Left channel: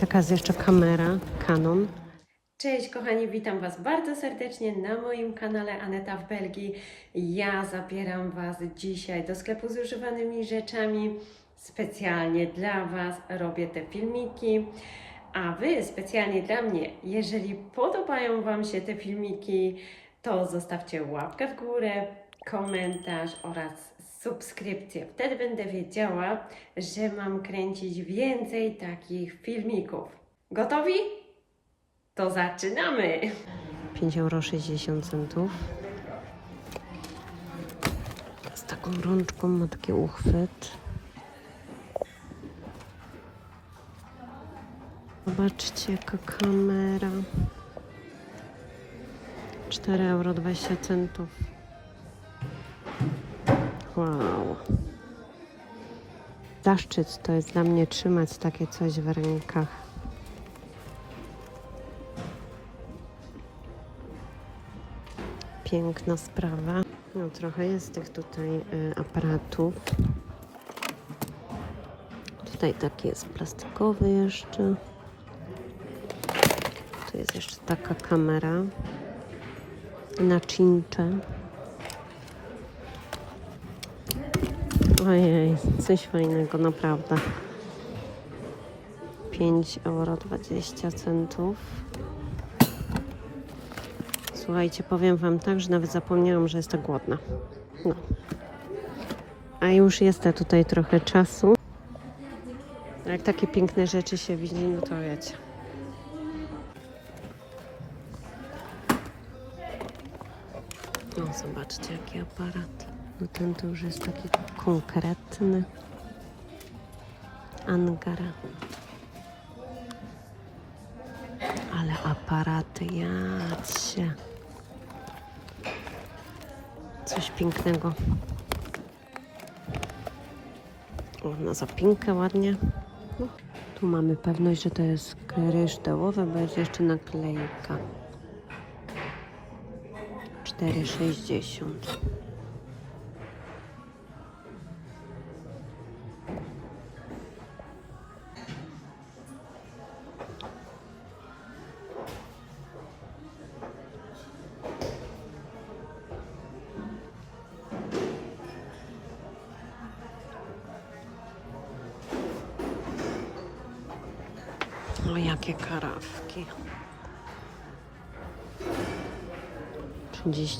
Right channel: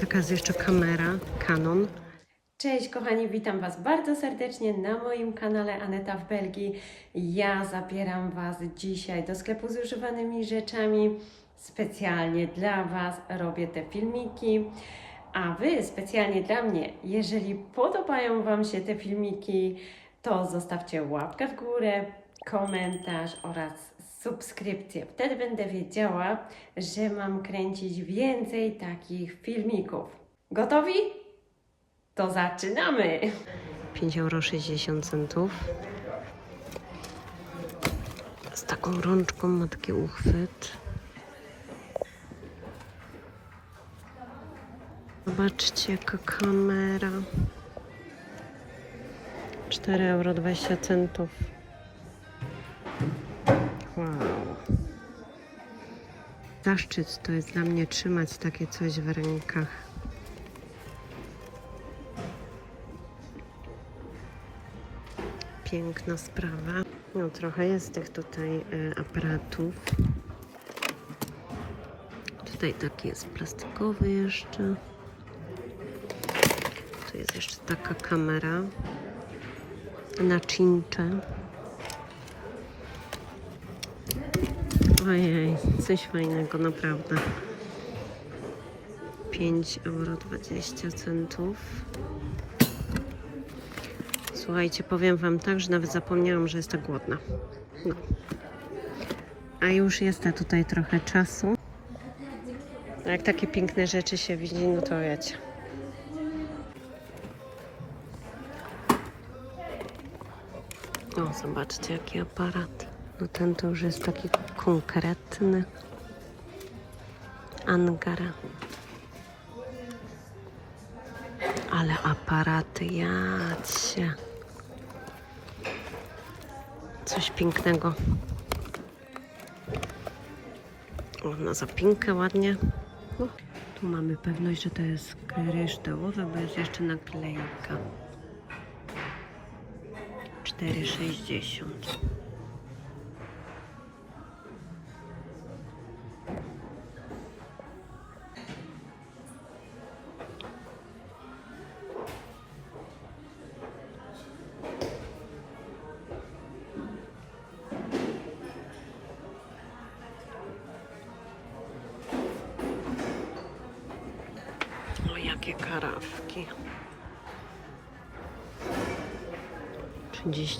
Taka jest jeszcze kamera Canon. Cześć kochani, witam Was bardzo serdecznie na moim kanale Aneta w Belgii. Ja zabieram Was dzisiaj do sklepu z używanymi rzeczami. Specjalnie dla Was robię te filmiki. A Wy specjalnie dla mnie, jeżeli podobają Wam się te filmiki, to zostawcie łapkę w górę, komentarz oraz subskrypcję. Wtedy będę wiedziała, że mam kręcić więcej takich filmików. Gotowi? To zaczynamy! 5,60 euro. Z taką rączką ma taki uchwyt. Zobaczcie jaka kamera. 4,20 euro. Wow. Zaszczyt to jest dla mnie trzymać takie coś w rękach. Piękna sprawa. No, trochę jest tych tutaj y, aparatów. Tutaj taki jest plastikowy jeszcze. Tu jest jeszcze taka kamera na cincze. Ojej, coś fajnego, naprawdę. 5,20 euro. Słuchajcie, powiem Wam tak, że nawet zapomniałam, że jestem głodna. No. A już jest tutaj trochę czasu. Jak takie piękne rzeczy się widzi, no to wiecie. O, zobaczcie, jaki aparat. No ten to już jest taki konkretny. Angara. Ale aparaty, jacie. Coś pięknego. O, na zapinkę ładnie. No, tu mamy pewność, że to jest kryształowe, bo jest jeszcze naklejka. 4,60.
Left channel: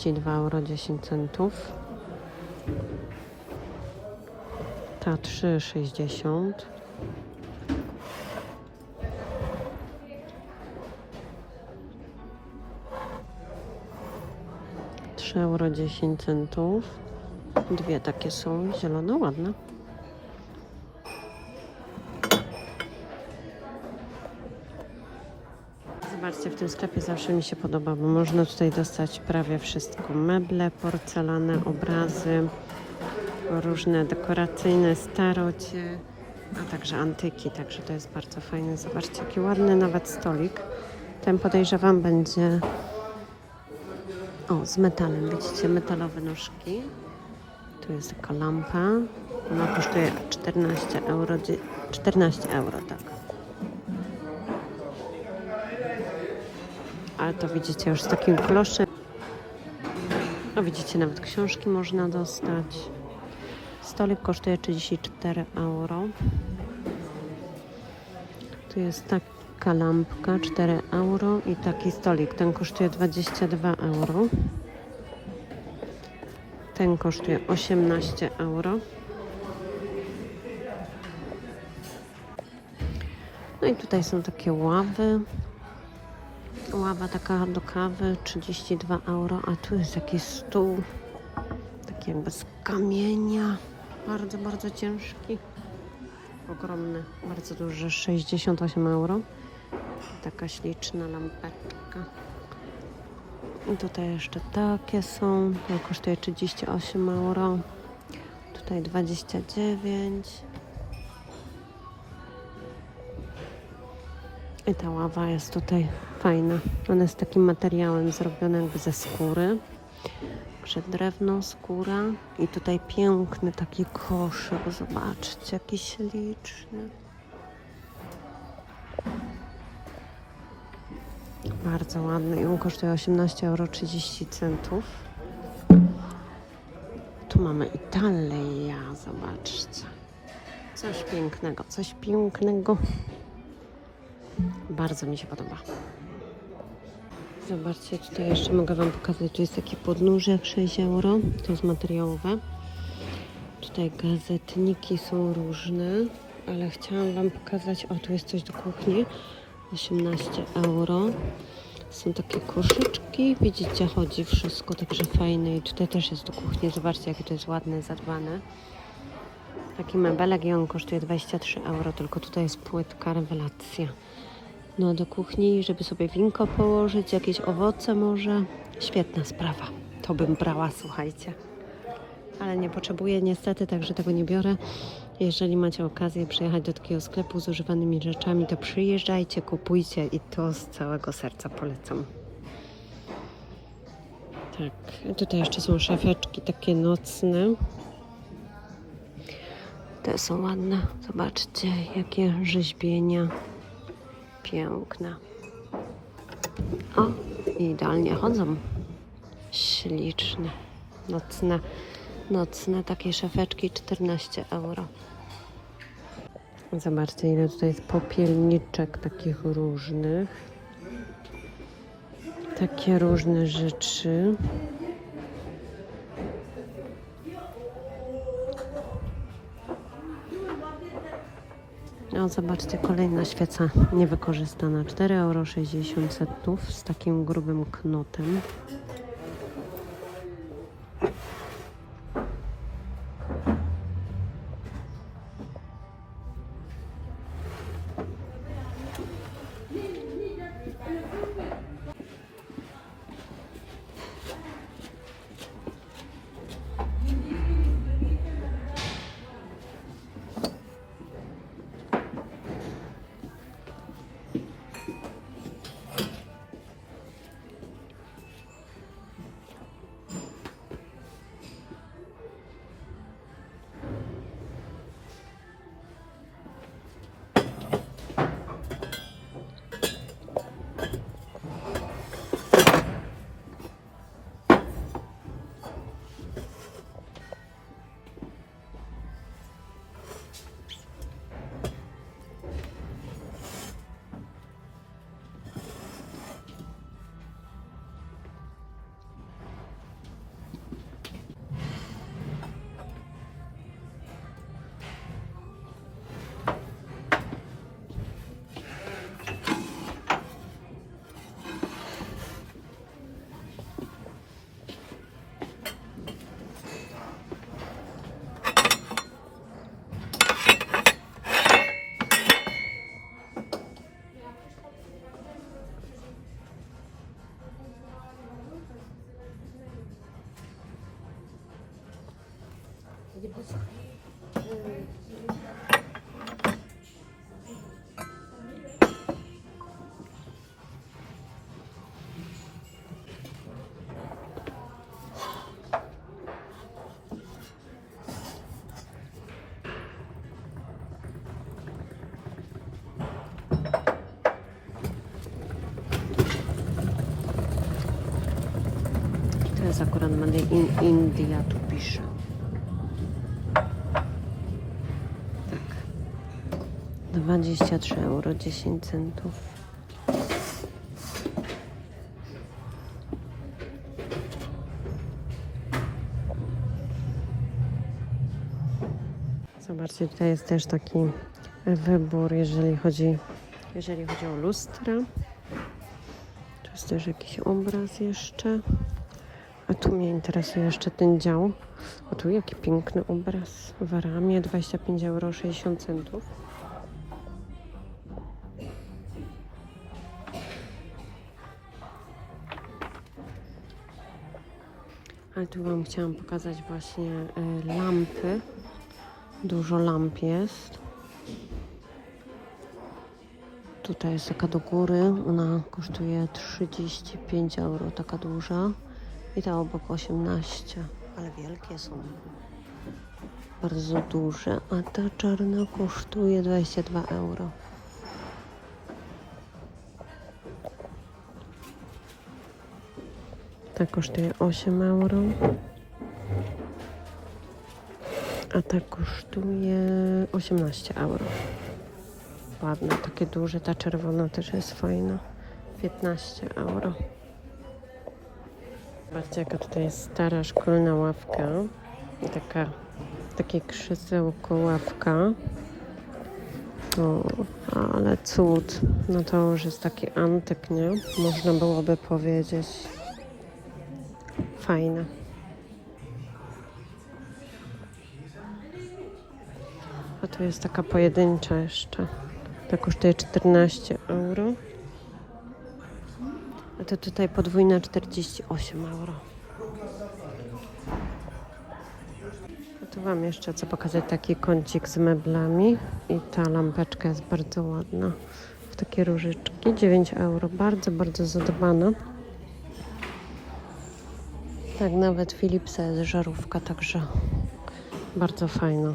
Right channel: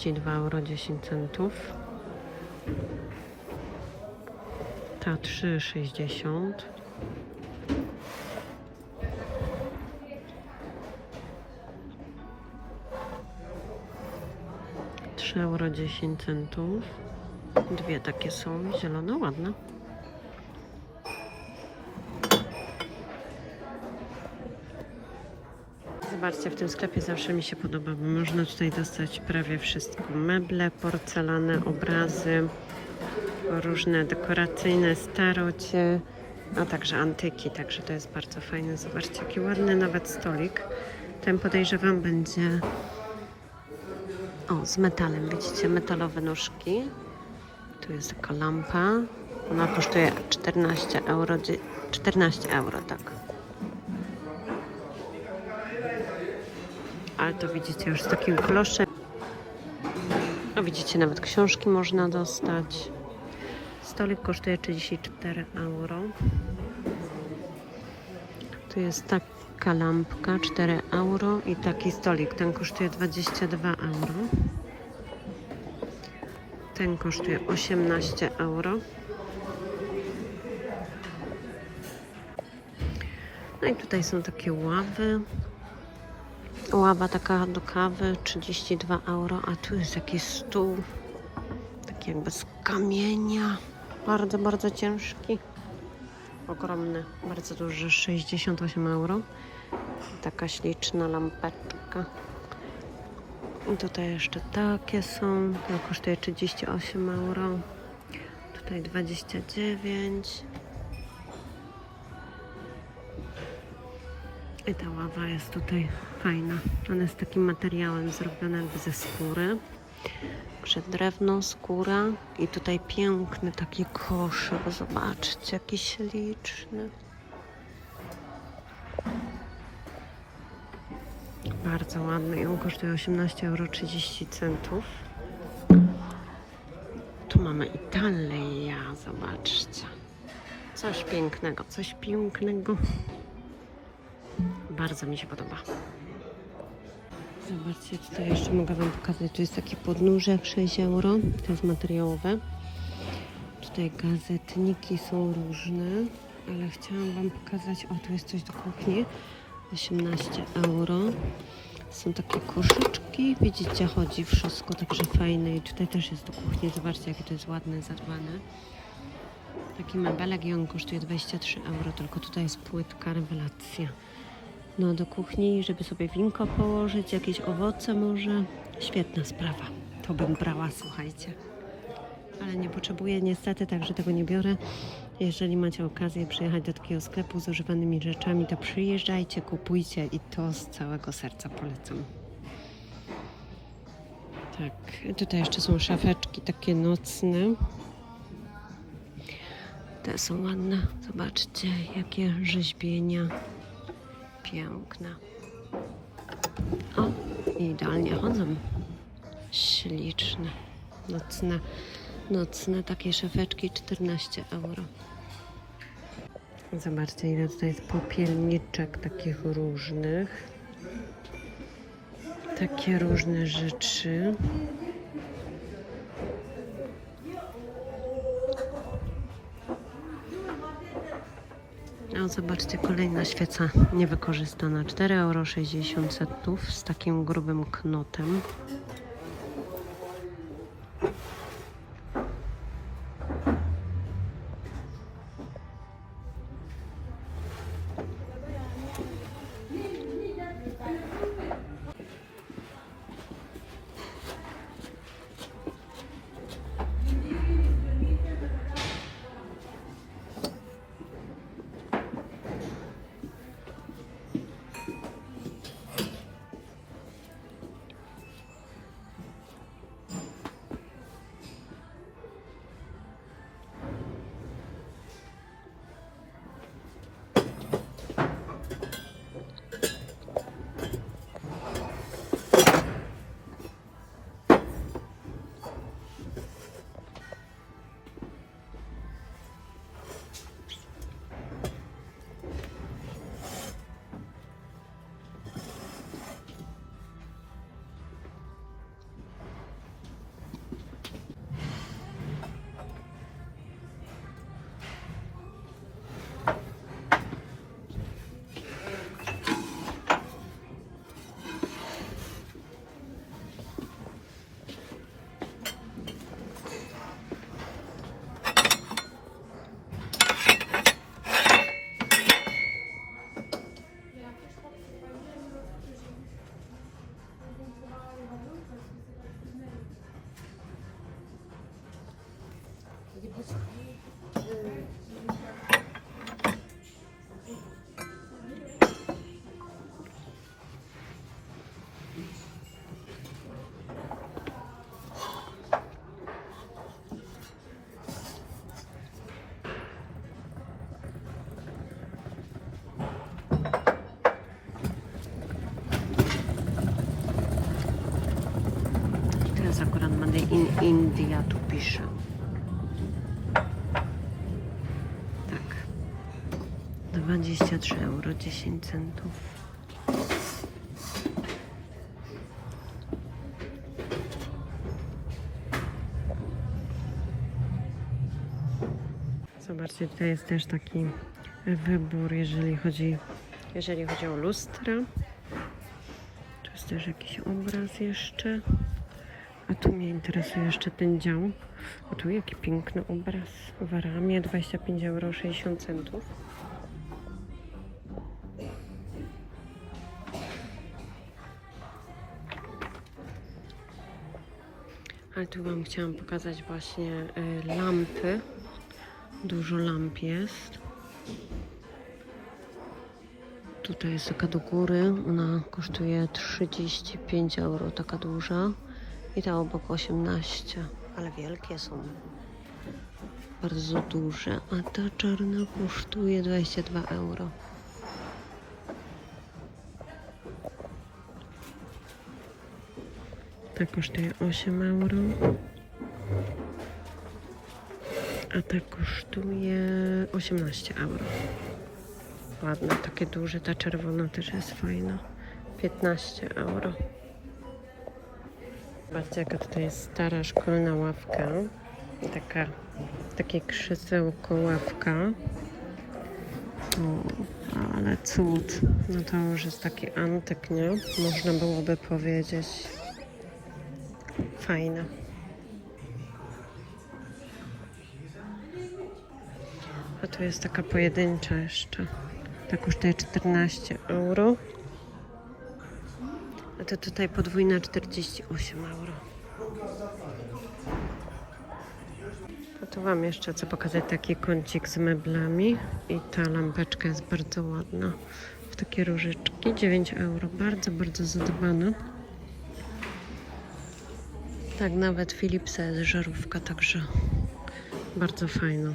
32 euro 10 centów. Ta 3,60. Trzy euro 10 centów. Dwie takie są, zielone, ładne. Zobaczcie, w tym sklepie zawsze mi się podoba, bo można tutaj dostać prawie wszystko. Meble, porcelane, obrazy, różne dekoracyjne starocie, a także antyki, także to jest bardzo fajne. Zobaczcie, jaki ładny nawet stolik. Ten podejrzewam będzie o, z metalem, widzicie, metalowe nóżki. Tu jest taka lampa. Ona kosztuje 14 euro, 14 euro, tak. Ale to widzicie już z takim kloszem. O, widzicie, nawet książki można dostać. Stolik kosztuje 34 euro. Tu jest taka lampka 4 euro i taki stolik. Ten kosztuje 22 euro. Ten kosztuje 18 euro. No i tutaj są takie ławy. Ława taka do kawy 32 euro, a tu jest jakiś stół taki jakby z kamienia. Bardzo, bardzo ciężki. Ogromny, bardzo duży, 68 euro. Taka śliczna lampeczka. I tutaj jeszcze takie są. To kosztuje 38 euro. Tutaj 29. I ta ława jest tutaj fajna. Ona jest takim materiałem zrobiona jakby ze skóry. Także drewno, skóra i tutaj piękny taki koszyk. Zobaczcie, jaki śliczny. Bardzo ładny i on kosztuje 18,30 euro. Tu mamy Italię, zobaczcie. Coś pięknego, coś pięknego. Bardzo mi się podoba. Zobaczcie, tutaj jeszcze mogę Wam pokazać. Tu jest taki podnóżek 6 euro. To jest materiałowe. Tutaj gazetniki są różne, ale chciałam Wam pokazać. O, tu jest coś do kuchni. 18 euro. Są takie koszyczki. Widzicie, chodzi wszystko także fajne. I tutaj też jest do kuchni. Zobaczcie, jakie to jest ładne, zadbane. Taki mebelek i on kosztuje 23 euro. Tylko tutaj jest płytka, rewelacja. No do kuchni, żeby sobie winko położyć, jakieś owoce może. Świetna sprawa. To bym brała, słuchajcie. Ale nie potrzebuję niestety, także tego nie biorę. Jeżeli macie okazję przyjechać do takiego sklepu z używanymi rzeczami, to przyjeżdżajcie, kupujcie i to z całego serca polecam. Tak, tutaj jeszcze są szafeczki takie nocne. Te są ładne. Zobaczcie, jakie rzeźbienia. Piękne. O, idealnie chodzą. Śliczne. Nocne, nocne takie szafeczki 14 euro. Zobaczcie, ile tutaj jest popielniczek takich różnych. Takie różne rzeczy. No, zobaczcie, kolejna świeca niewykorzystana. 4,60 euro z takim grubym knotem. In India tu pisze. Tak. 23 euro 10 centów. Zobaczcie, tutaj jest też taki wybór, jeżeli chodzi, jeżeli chodzi o lustra. Tu jest też jakiś obraz jeszcze. A tu mnie interesuje jeszcze ten dział. A tu jaki piękny obraz w ramię 25 euro 60 centów. Ale tu Wam chciałam pokazać właśnie e, lampy. Dużo lamp jest. Tutaj jest taka do góry. Ona kosztuje 35 euro, taka duża. I ta obok 18, ale wielkie są. Bardzo duże. A ta czarna kosztuje 22 euro. Ta kosztuje 8 euro. A ta kosztuje 18 euro. Ładne, takie duże. Ta czerwona też jest fajna. 15 euro. Zobaczcie, jaka tutaj jest stara szkolna ławka. Taka, takie krzesełko ławka. O, ale cud. No to już jest taki antyk, nie? Można byłoby powiedzieć. Fajne. A tu jest taka pojedyncza jeszcze. Ta kosztuje 14 euro. A to tutaj podwójna 48 euro. A tu Wam jeszcze chcę pokazać taki kącik z meblami. I ta lampeczka jest bardzo ładna. W takie różyczki. 9 euro. Bardzo, bardzo zadbana. Tak, nawet Philipsa jest żarówka, także bardzo fajna.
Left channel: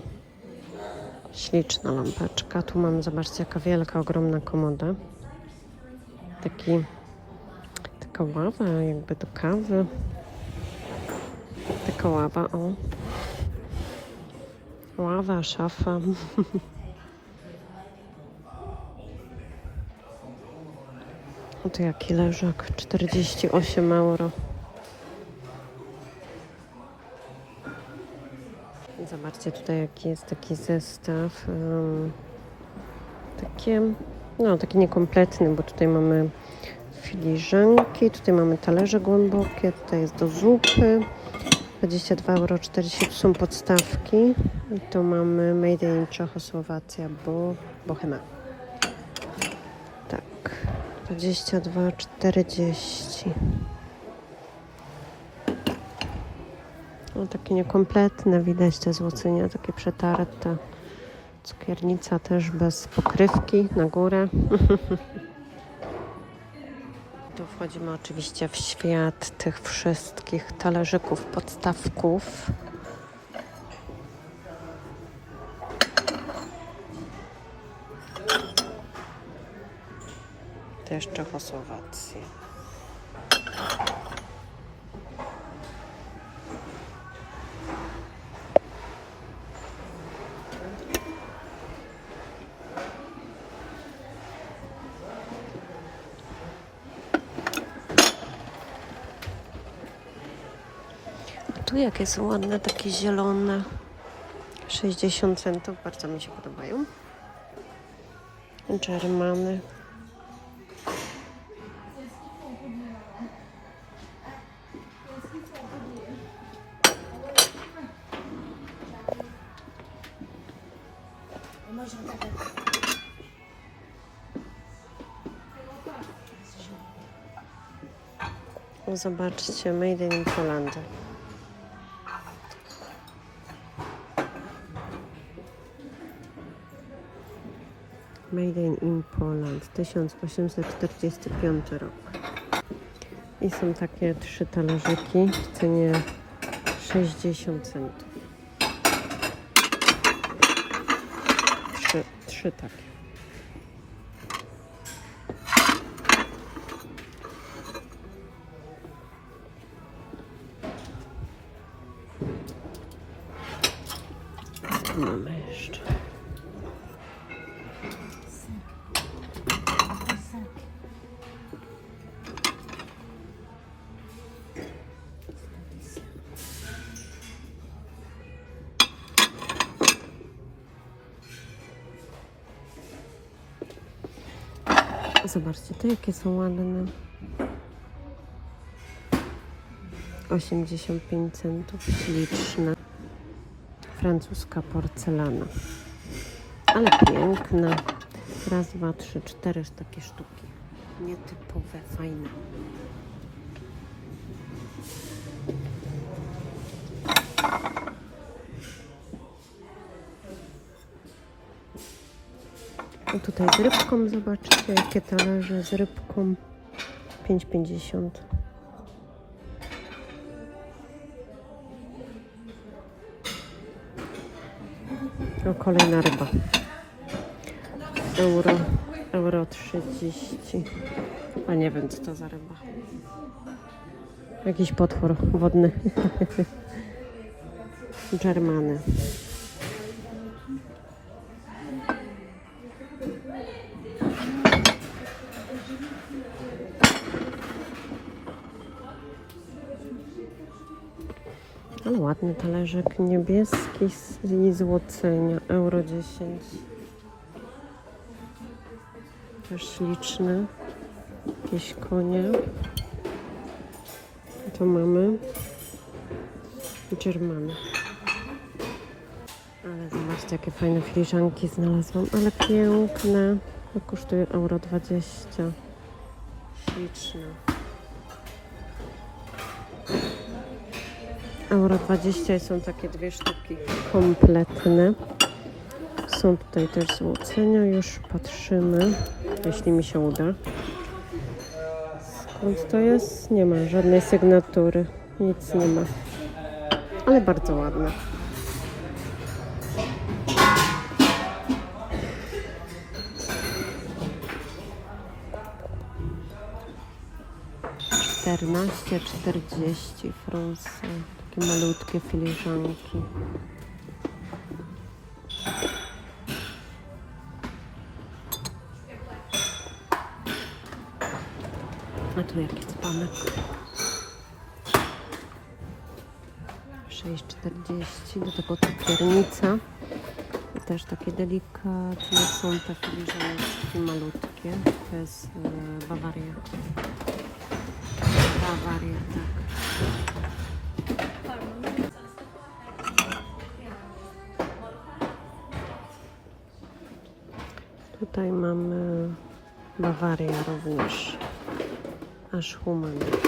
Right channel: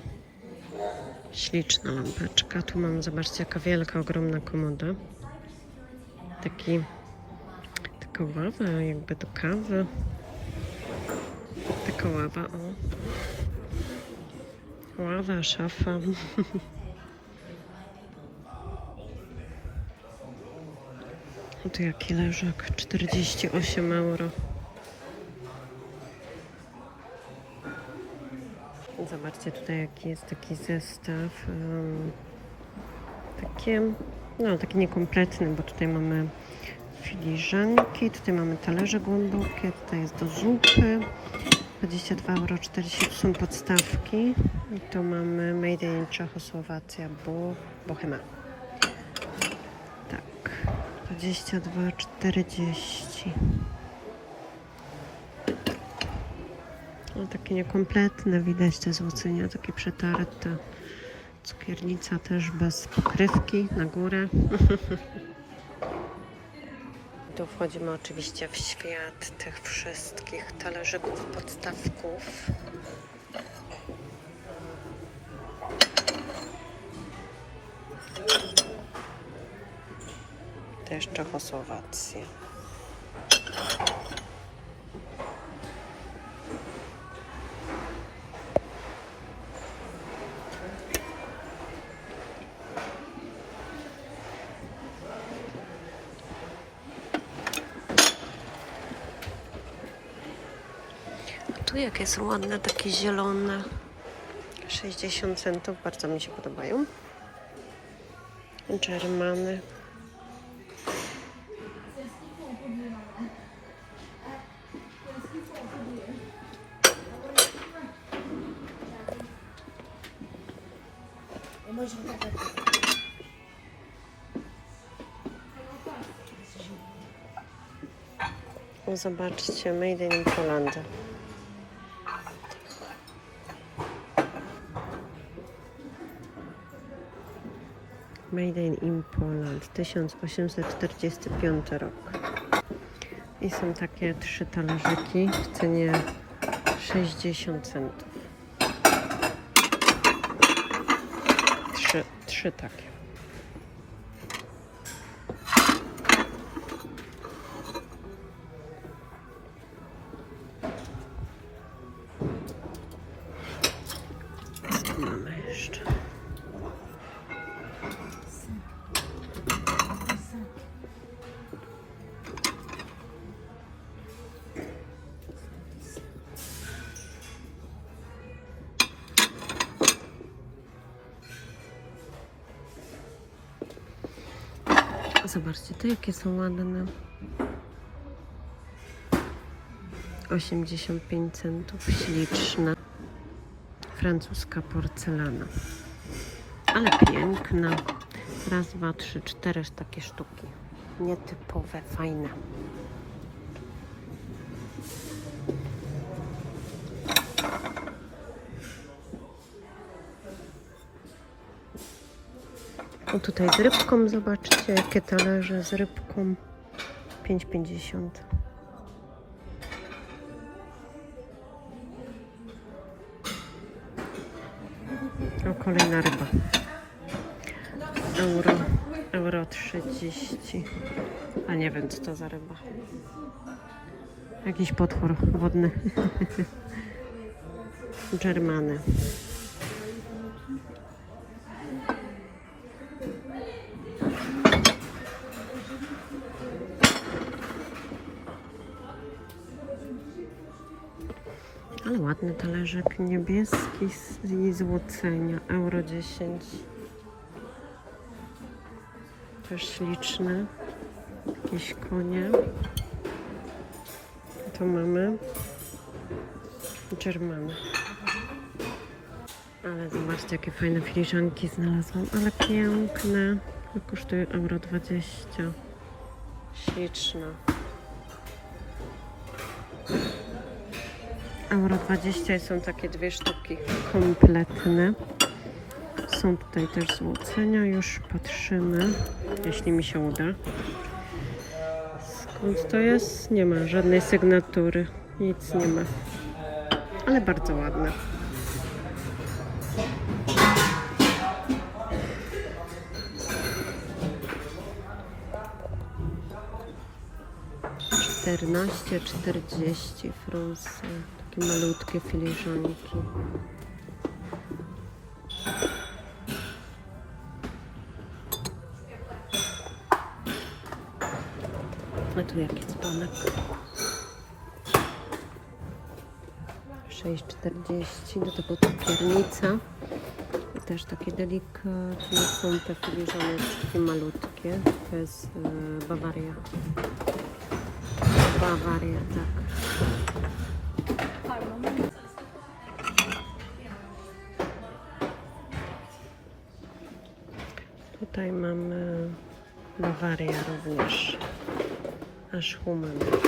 Śliczna lampeczka. Tu mam, zobaczcie, jaka wielka, ogromna komoda. Taki, taka ława jakby do kawy. Taka ława, o. Ława, szafa. O tu jaki leżak, 48 euro. Zobaczcie tutaj jaki jest taki zestaw. Um, takie, no taki niekompletny, bo tutaj mamy filiżanki, tutaj mamy talerze głębokie, tutaj jest do zupy. 22,40 euro są podstawki. I tu mamy Made in Czechosłowacja, bo Bohema. Tak, 22,40. No, takie niekompletne, widać te złocenia, takie przetarte. Cukiernica też bez pokrywki na górę. Tu wchodzimy oczywiście w świat tych wszystkich talerzyków, podstawków. Też Czechosłowacja. Jakie są ładne, takie zielone. 60 centów, bardzo mi się podobają. Germany. Zobaczcie, Made in Poland. Made in Poland, 1845 rok. I są takie trzy talerzyki w cenie 60 centów. Trzy, trzy takie. Zobaczcie, te jakie są ładne. 85 centów, śliczne. Francuska porcelana. Ale piękna. Raz, dwa, trzy, cztery takie sztuki. Nietypowe, fajne. O tutaj z rybką, zobaczcie, jakie talerze z rybką. 5,50. O, kolejna ryba. Euro, euro 30. A nie wiem, co to za ryba. Jakiś potwór wodny. Germany. Ładny talerzyk niebieski z złocenia, euro 10. Też śliczny. Jakieś konie. Tu mamy Germany. Ale zobaczcie, jakie fajne filiżanki znalazłam. Ale piękne. To kosztuje euro 20. Śliczna. Euro 20 i są takie dwie sztuki kompletne. Są tutaj też złocenia. Już patrzymy, jeśli mi się uda. Skąd to jest? Nie ma żadnej sygnatury. Nic nie ma. Ale bardzo ładne. Czternaście, czterdzieści. Takie malutkie filiżanki. A tu jaki dzbanek? 6,40 do tego cukiernica. I też takie delikatne są te filiżaneczki malutkie. To jest e, Bawaria. Bawaria, tak. lavarei alguns as rumanas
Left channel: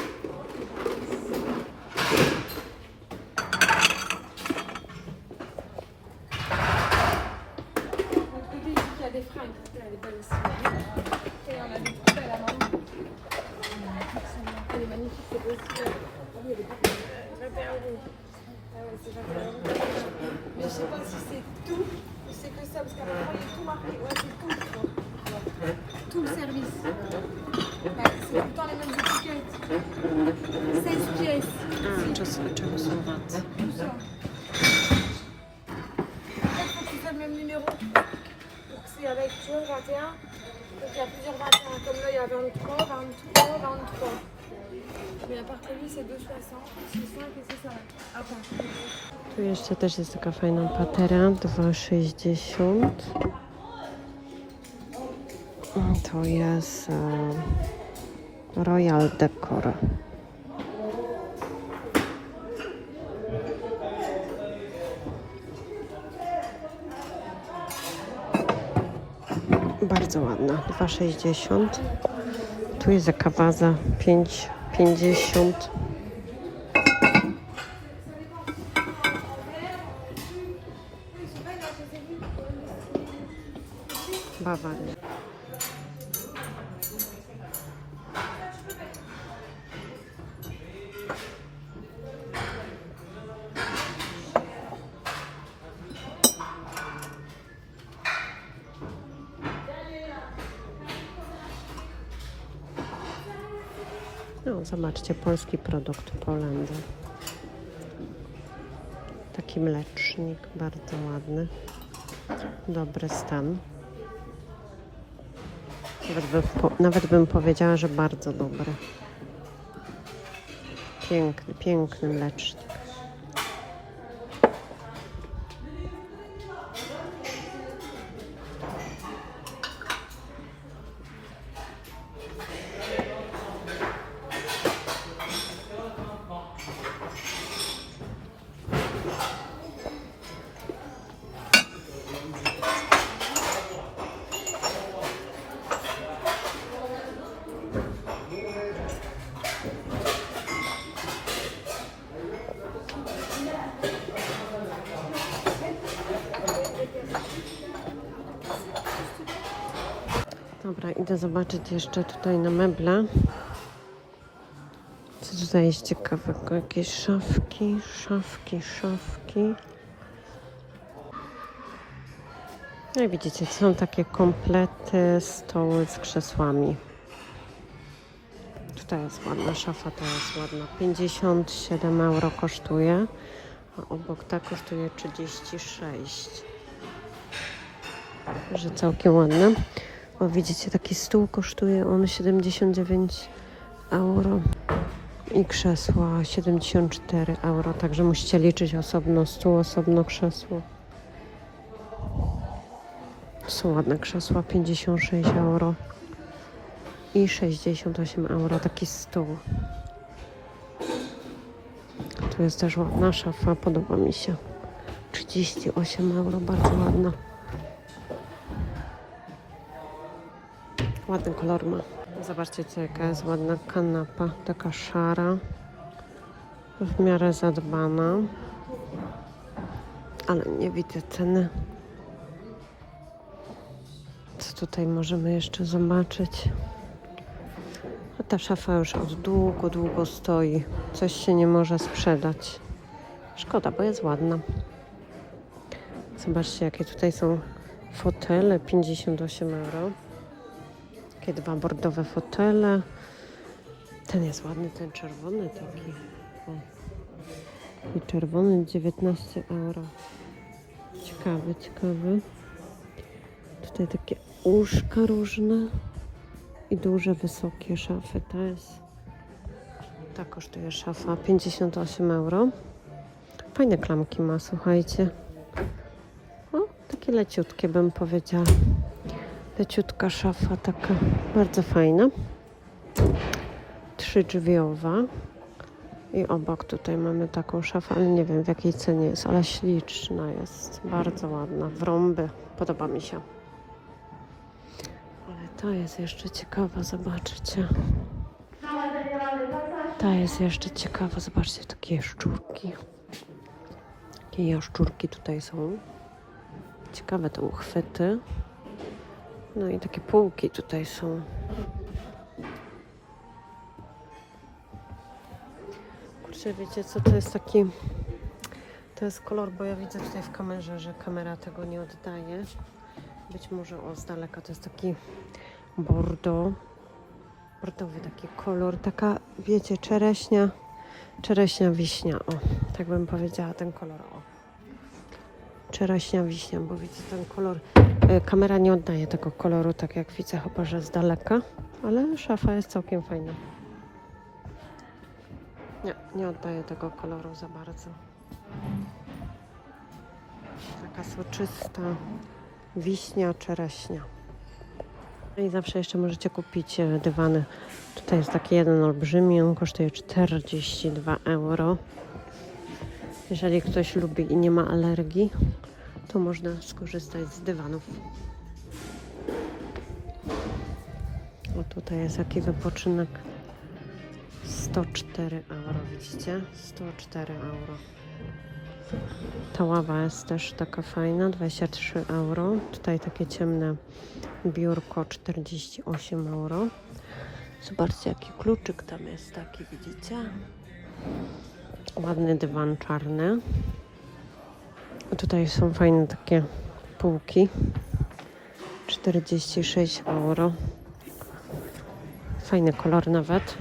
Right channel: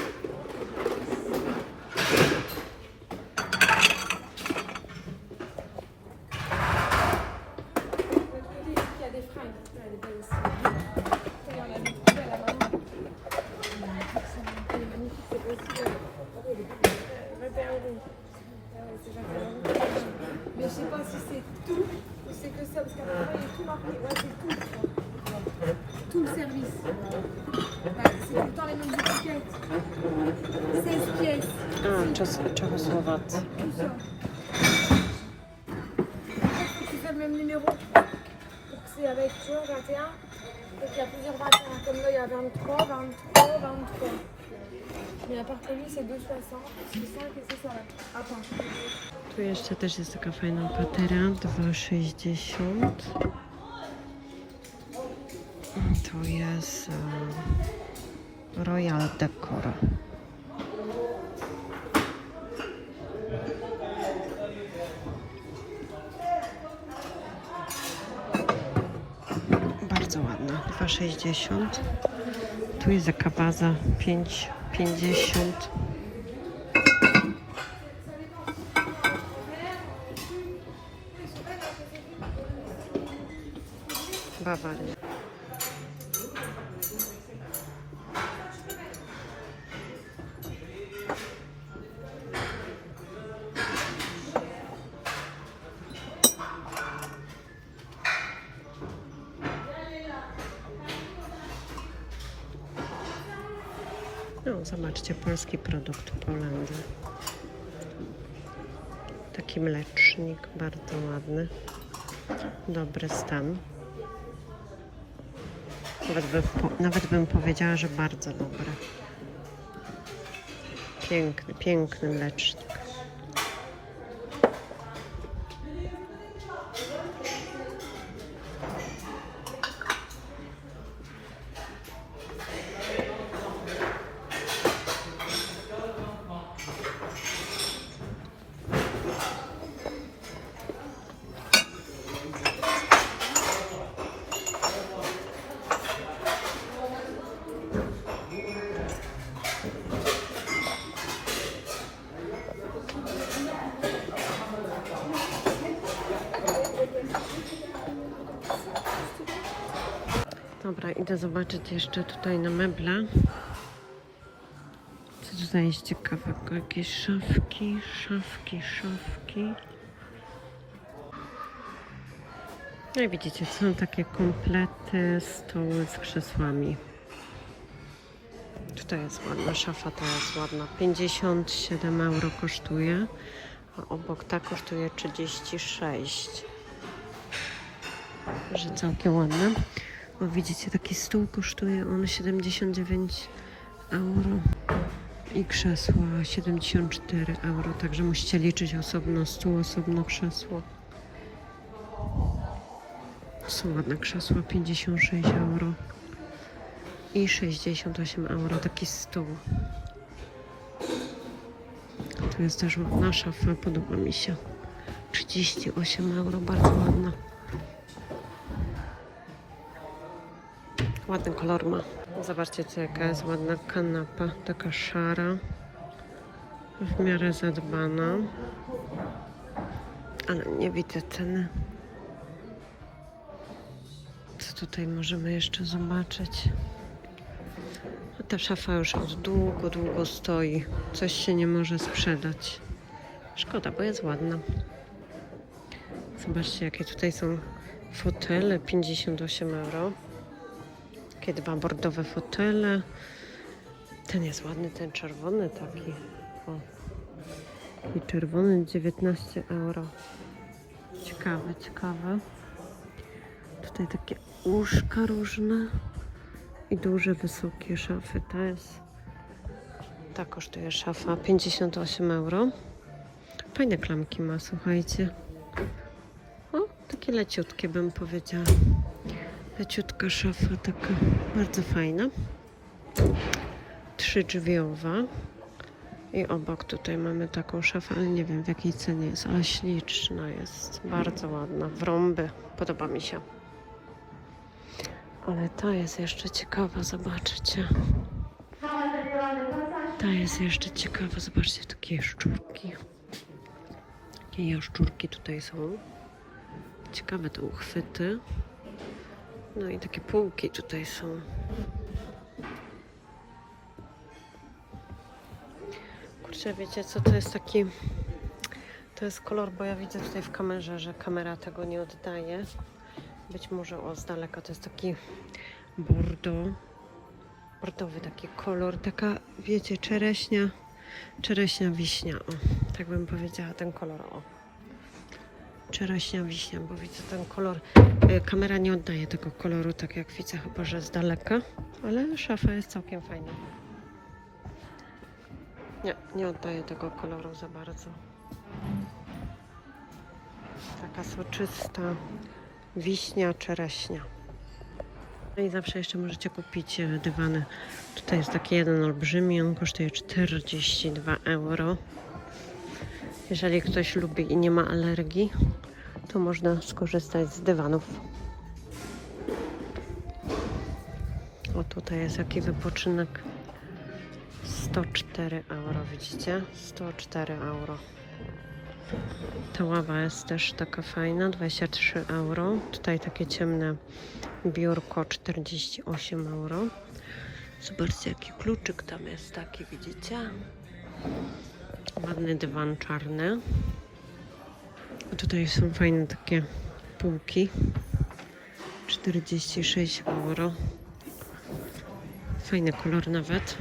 Mais que lui, c'est 2,60, c'est 5 et c'est ça. Attends. Tu jeszcze też jest taka fajna patera, 2,60. To jest Royal Decor. Bardzo ładna, 2,60. Tu jest jaka waza, 5,50. Bawaria. No, zobaczcie, polski produkt Polandia. Taki mlecznik, bardzo ładny. Dobry stan. Nawet nawet bym powiedziała, że bardzo dobry. Piękny, piękny mlecznik. Idę zobaczyć jeszcze tutaj na meble. Co tutaj jest ciekawego? Jakieś szafki, szafki, szafki. No i widzicie, są takie komplety, stoły z krzesłami. Tutaj jest ładna szafa, ta jest ładna. 57 euro kosztuje, a obok ta kosztuje 36. Że całkiem ładna. O, widzicie, taki stół kosztuje on 79 euro i krzesła 74 euro, także musicie liczyć osobno stół, osobno krzesło. Są ładne krzesła, 56 euro i 68 euro taki stół. Tu jest też ładna szafa, podoba mi się. 38 euro, bardzo ładna. Ładny kolor ma. Zobaczcie, co jaka jest ładna kanapa, taka szara, w miarę zadbana, ale nie widzę ceny. Co tutaj możemy jeszcze zobaczyć? A ta szafa już od długo, długo stoi. Coś się nie może sprzedać. Szkoda, bo jest ładna. Zobaczcie, jakie tutaj są fotele. 58 euro. Takie dwa bordowe fotele. Ten jest ładny, ten czerwony taki. O. I czerwony 19 euro. Ciekawy, ciekawy. Tutaj takie łóżka różne i duże, wysokie szafy. Ta jest. Ta kosztuje szafa 58 euro. Fajne klamki ma, słuchajcie. O, takie leciutkie bym powiedziała. Leciutka szafa, taka bardzo fajna. Trzydrzwiowa. I obok tutaj mamy taką szafę, ale nie wiem w jakiej cenie jest, ale śliczna jest. Bardzo ładna. W rąby. Podoba mi się. Ale ta jest jeszcze ciekawa, zobaczcie. Ta jest jeszcze ciekawa, zobaczcie, takie jaszczurki. Takie jaszczurki tutaj są. Ciekawe te uchwyty. No i takie półki tutaj są. Kurczę, wiecie co, to jest taki... To jest kolor, bo ja widzę tutaj w kamerze, że kamera tego nie oddaje. Być może o z daleka to jest taki bordo, bordowy taki kolor, taka wiecie czereśnia, czereśnia wiśnia, o, tak bym powiedziała ten kolor, o. Czereśnia wiśnia, bo widzę ten kolor, e, kamera nie oddaje tego koloru tak jak widzę, chyba że z daleka, ale szafa jest całkiem fajna. Nie, nie oddaje tego koloru za bardzo. Taka soczysta wiśnia, czereśnia. No i zawsze jeszcze możecie kupić e, dywany. Tutaj jest taki jeden olbrzymi, on kosztuje 42 euro. Jeżeli ktoś lubi i nie ma alergii, to można skorzystać z dywanów. O tutaj jest jaki wypoczynek. 104 euro, widzicie? 104 euro. Ta ława jest też taka fajna, 23 euro. Tutaj takie ciemne biurko, 48 euro. Zobaczcie, jaki kluczyk tam jest taki, widzicie? Ładny dywan czarny. Tutaj są fajne takie półki. 46 euro. Fajny kolor nawet.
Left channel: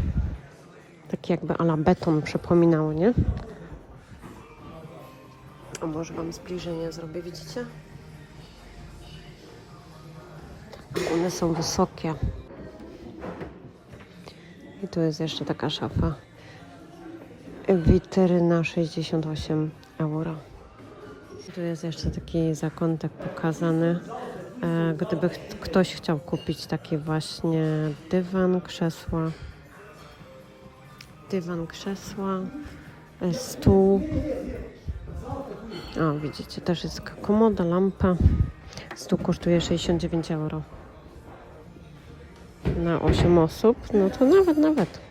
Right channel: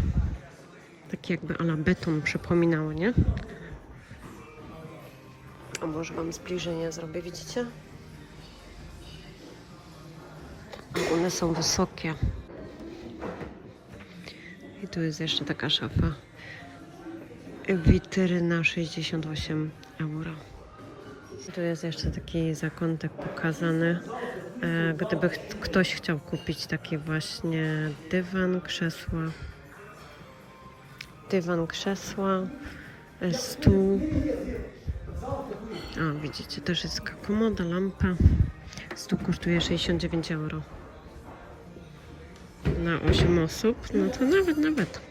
Taki jakby ala beton przypominało, nie? A może Wam zbliżenie zrobię, widzicie? A one są wysokie. I tu jest jeszcze taka szafa. Witryna 68 euro. Tu jest jeszcze taki zakątek pokazany. E, Gdyby ktoś chciał kupić taki właśnie dywan, krzesła, dywan, krzesła, e, stół. O, widzicie, też jest komoda, lampa. Stół kosztuje 69 euro. Na 8 osób, no to nawet, nawet.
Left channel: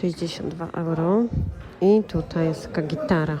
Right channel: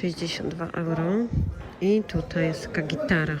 62 euro. I tutaj jest taka gitara.